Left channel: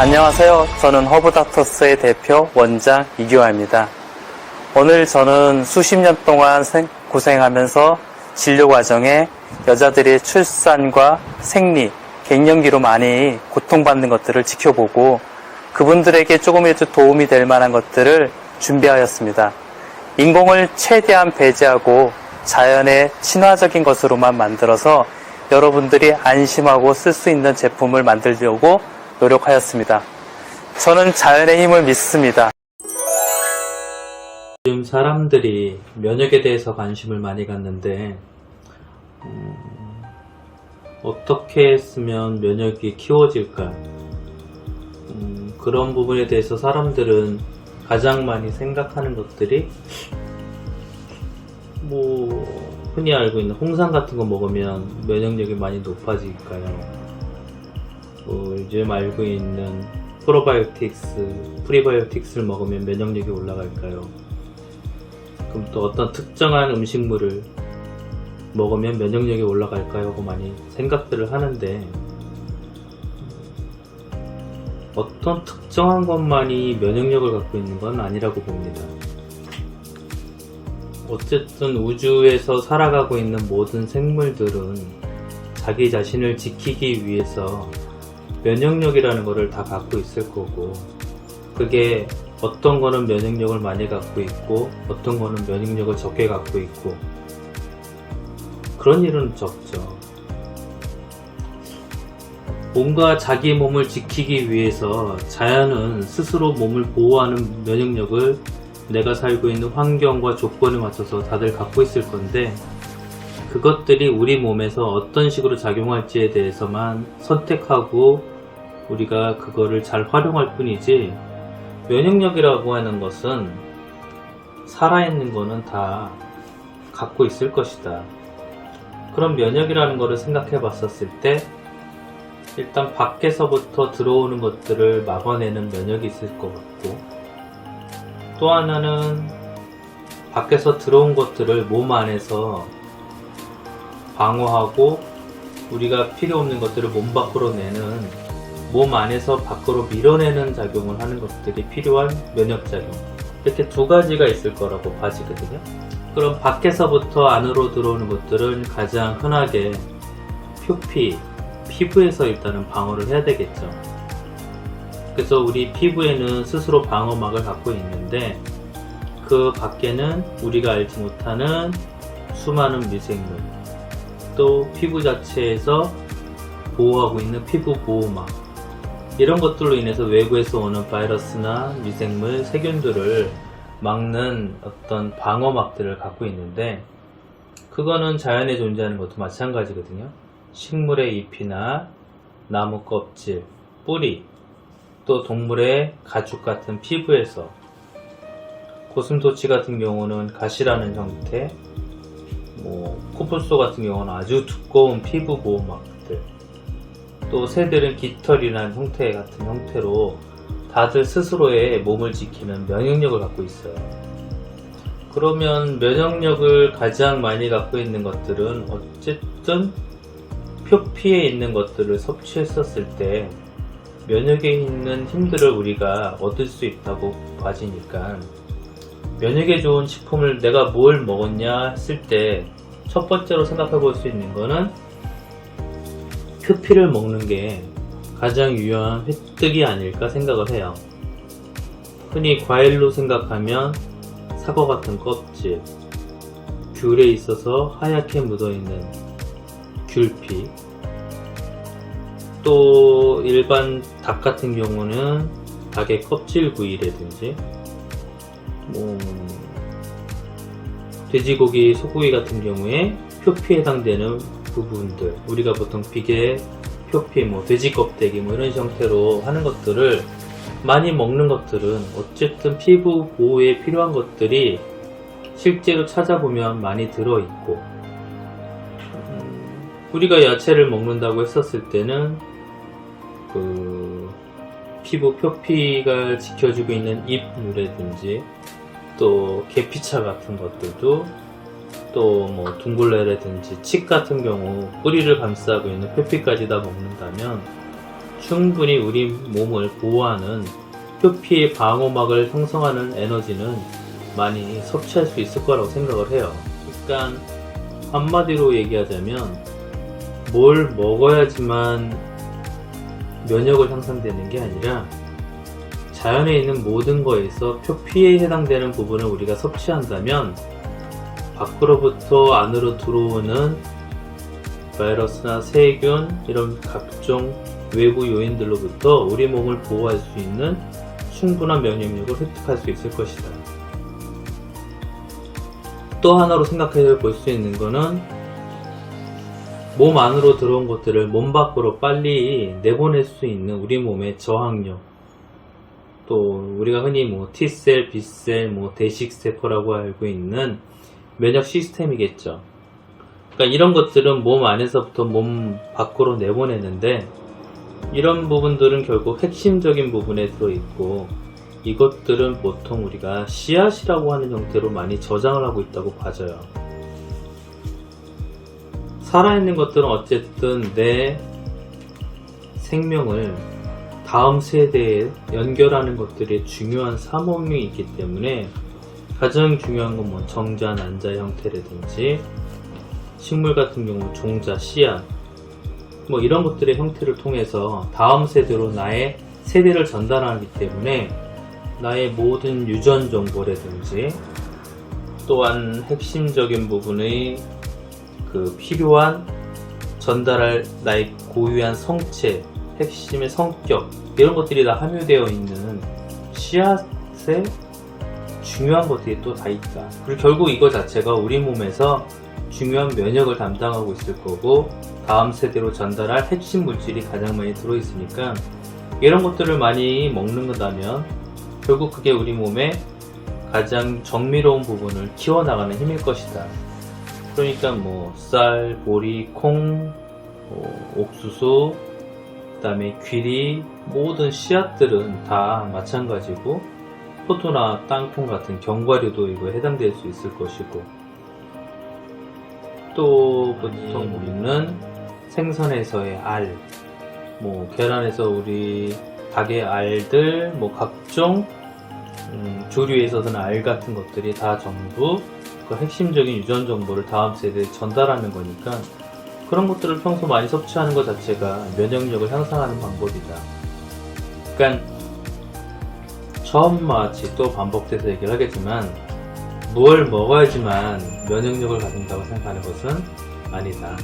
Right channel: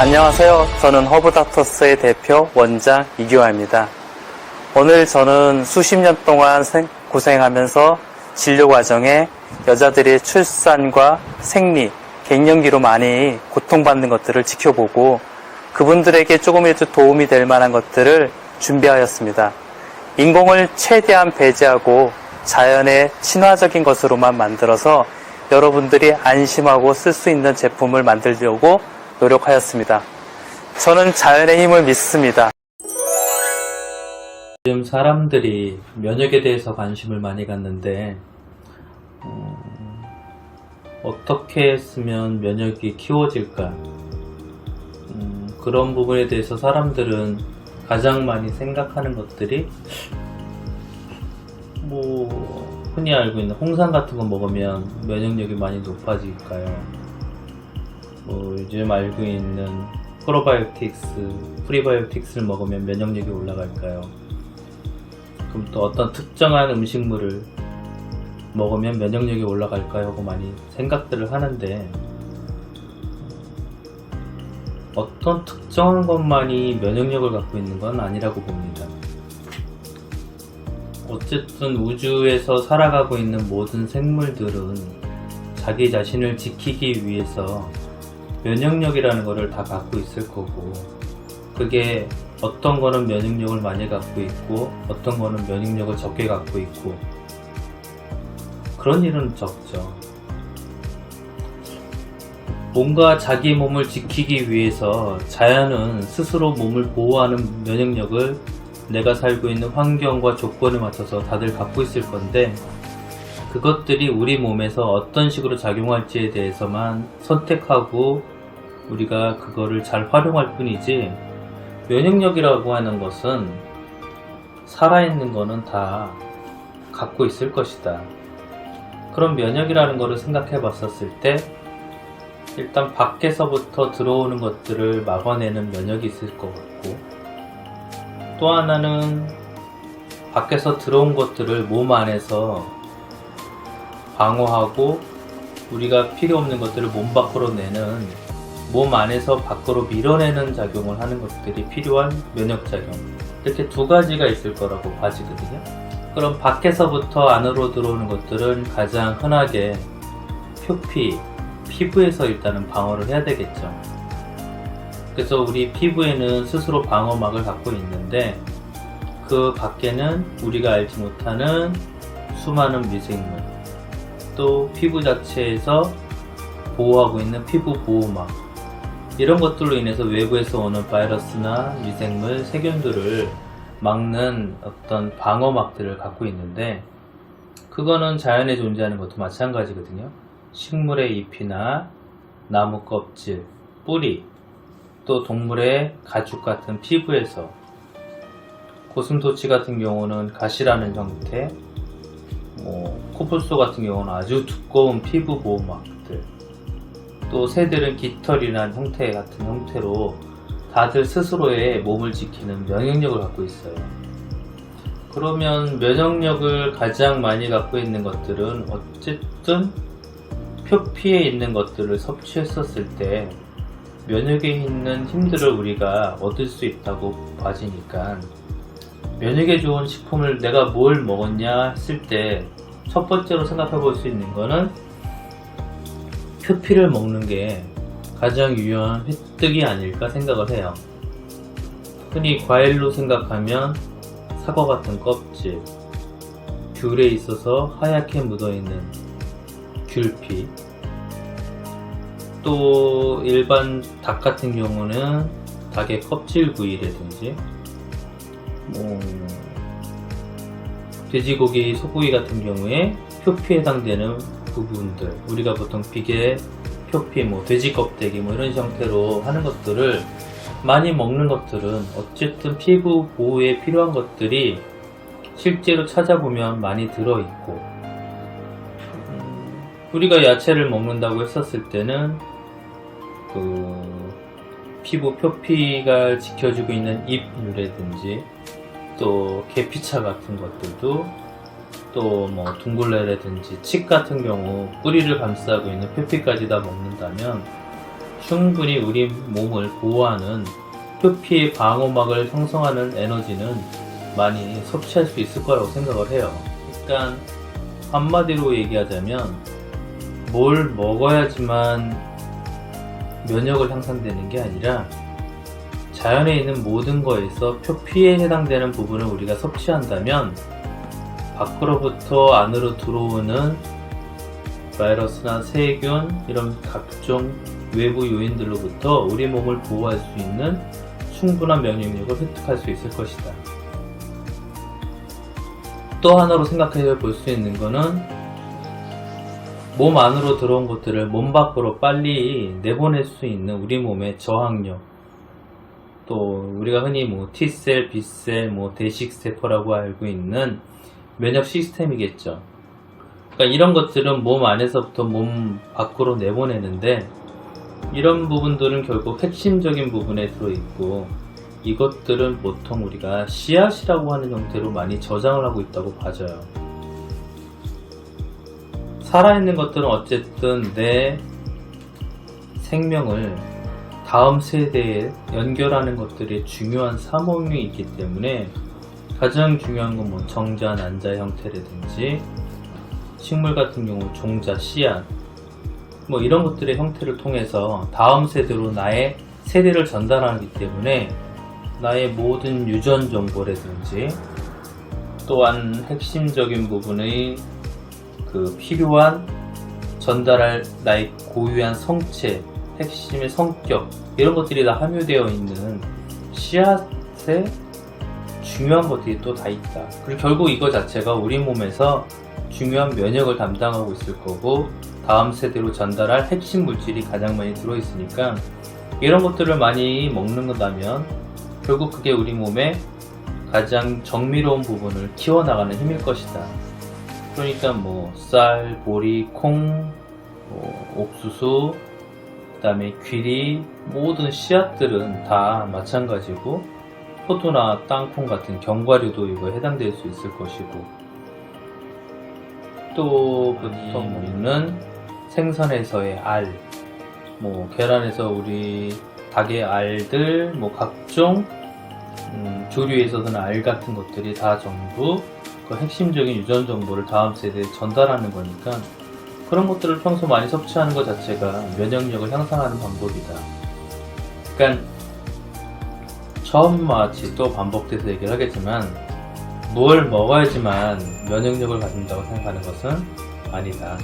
안녕하세요. 저는 허브닥터스의 대표 원장 이규화입니다. 오늘 저는 수십 년 동안 고생하면서 진료 과정에 여자들이 출산과 생리, 갱년기로 많이 고통받는 것들을 지켜보고 그분들에게 조금이라도 도움이 될 만한 것들을 준비하였습니다. 인공을 최대한 배제하고 자연의 친화적인 것으로만 만들어서 여러분들이 안심하고 쓸 수 있는 제품을 만들려고 노력하였습니다. 저는 자연의 힘을 믿습니다. 요즘 사람들이 면역에 대해서 관심을 많이 갖는데 어떻게 했으면 면역이 키워질까? 그런 부분에 대해서 사람들은 가장 많이 생각하는 것들이 흔히 알고 있는 홍삼 같은 거 먹으면 면역력이 많이 높아질까요? 요즘 알고 있는 프리바이오틱스를 먹으면 면역력이 올라갈까요? 그럼 또 어떤 특정한 음식물을 먹으면 면역력이 올라갈까요? 하고 많이 생각들을 하는데 어떤 특정한 것만이 면역력을 갖고 있는 건 아니라고 봅니다. 어쨌든 우주에서 살아가고 있는 모든 생물들은 자기 자신을 지키기 위해서 면역력이라는 것을 다 갖고 있을 거고, 그게 어떤 거는 면역력을 많이 갖고 있고 어떤 거는 면역력을 적게 갖고 있고, 그런 일은 적죠. 뭔가 자기 몸을 지키기 위해서 자연은 스스로 몸을 보호하는 면역력을 내가 살고 있는 환경과 조건에 맞춰서 다들 갖고 있을 건데, 그것들이 우리 몸에서 어떤 식으로 작용할지에 대해서만 선택하고 우리가 그거를 잘 활용할 뿐이지, 면역력이라고 하는 것은 살아있는 거는 다 갖고 있을 것이다. 그럼 면역이라는 거를 생각해 봤었을 때 일단 밖에서부터 들어오는 것들을 막아내는 면역이 있을 것 같고, 또 하나는 밖에서 들어온 것들을 몸 안에서 방어하고 우리가 필요 없는 것들을 몸 밖으로 내는, 몸 안에서 밖으로 밀어내는 작용을 하는 것들이 필요한 면역작용, 이렇게 두 가지가 있을 거라고 봐지거든요. 그럼 밖에서부터 안으로 들어오는 것들은 가장 흔하게 표피, 피부에서 일단은 방어를 해야 되겠죠. 그래서 우리 피부에는 스스로 방어막을 갖고 있는데, 그 밖에는 우리가 알지 못하는 수많은 미생물, 또 피부 자체에서 보호하고 있는 피부 보호막, 이런 것들로 인해서 외부에서 오는 바이러스나 미생물, 세균들을 막는 어떤 방어막들을 갖고 있는데, 그거는 자연에 존재하는 것도 마찬가지거든요. 식물의 잎이나 나무 껍질, 뿌리, 또 동물의 가죽 같은 피부에서, 고슴도치 같은 경우는 가시라는 형태, 코뿔소 같은 경우는 아주 두꺼운 피부 보호막들, 또 새들은 깃털이라는 형태 같은 형태로 다들 스스로의 몸을 지키는 면역력을 갖고 있어요. 그러면 면역력을 가장 많이 갖고 있는 것들은 어쨌든 표피에 있는 것들을 섭취했었을 때 면역에 있는 힘들을 우리가 얻을 수 있다고 봐지니까, 면역에 좋은 식품을 내가 뭘 먹었냐 했을 때 첫 번째로 생각해 볼 수 있는 거는 표피를 먹는 게 가장 유용한 획득이 아닐까 생각을 해요. 흔히 과일로 생각하면 사과 같은 껍질, 귤에 있어서 하얗게 묻어있는 귤피, 또 일반 닭 같은 경우는 닭의 껍질 부위라든지, 돼지고기, 소고기 같은 경우에 표피에 해당되는 부분들, 우리가 보통 비계, 표피, 돼지 껍데기 이런 형태로 하는 것들을 많이 먹는 것들은 어쨌든 피부 보호에 필요한 것들이 실제로 찾아보면 많이 들어있고, 우리가 야채를 먹는다고 했었을 때는 피부 표피가 지켜주고 있는 잎류라든지, 또 계피차 같은 것들도, 또 둥글레라든지 칡 같은 경우 뿌리를 감싸고 있는 표피까지 다 먹는다면 충분히 우리 몸을 보호하는 표피의 방어막을 형성하는 에너지는 많이 섭취할 수 있을 거라고 생각을 해요. 그러니까 한마디로 얘기하자면 뭘 먹어야지만 면역을 향상되는 게 아니라 자연에 있는 모든 거에서 표피에 해당되는 부분을 우리가 섭취한다면 밖으로부터 안으로 들어오는 바이러스나 세균 이런 각종 외부 요인들로부터 우리 몸을 보호할 수 있는 충분한 면역력을 획득할 수 있을 것이다. 또 하나로 생각해 볼 수 있는 거는 몸 안으로 들어온 것들을 몸 밖으로 빨리 내보낼 수 있는 우리 몸의 저항력, 또 우리가 흔히 T셀, B셀, 대식세포라고 알고 있는 면역 시스템이겠죠. 그러니까 이런 것들은 몸 안에서부터 몸 밖으로 내보내는데 이런 부분들은 결국 핵심적인 부분에 들어있고 이것들은 보통 우리가 씨앗이라고 하는 형태로 많이 저장을 하고 있다고 봐져요. 살아있는 것들은 어쨌든 내 생명을 다음 세대에 연결하는 것들이 중요한 사모임이 있기 때문에 가장 중요한 건 정자, 난자 형태라든지 식물 같은 경우 종자, 씨앗 이런 것들의 형태를 통해서 다음 세대로 나의 세대를 전달하기 때문에 나의 모든 유전 정보라든지 또한 핵심적인 부분의 필요한 전달할 나의 고유한 성체, 핵심의 성격 이런 것들이 다 함유되어 있는 씨앗에 중요한 것들이 또 다 있다. 그리고 결국 이거 자체가 우리 몸에서 중요한 면역을 담당하고 있을 거고 다음 세대로 전달할 핵심 물질이 가장 많이 들어있으니까 이런 것들을 많이 먹는 거라면 결국 그게 우리 몸의 가장 정밀로운 부분을 키워나가는 힘일 것이다. 그러니까 쌀, 보리, 콩, 옥수수, 그 다음에 귀리 모든 씨앗들은 다 마찬가지고 포도나 땅콩 같은 견과류도 이거 해당될 수 있을 것이고 또 보통 우리는 생선에서의 알, 계란에서 우리 닭의 알들, 각종 조류에 있어서는 알 같은 것들이 다 전부 그 핵심적인 유전 정보를 다음 세대에 전달하는 거니까 그런 것들을 평소 많이 섭취하는 것 자체가 면역력을 향상하는 방법이다. 그러니까 처음과 같이 또 반복돼서 얘기를 하겠지만 뭘 먹어야지만 면역력을 가진다고 생각하는 것은 아니다.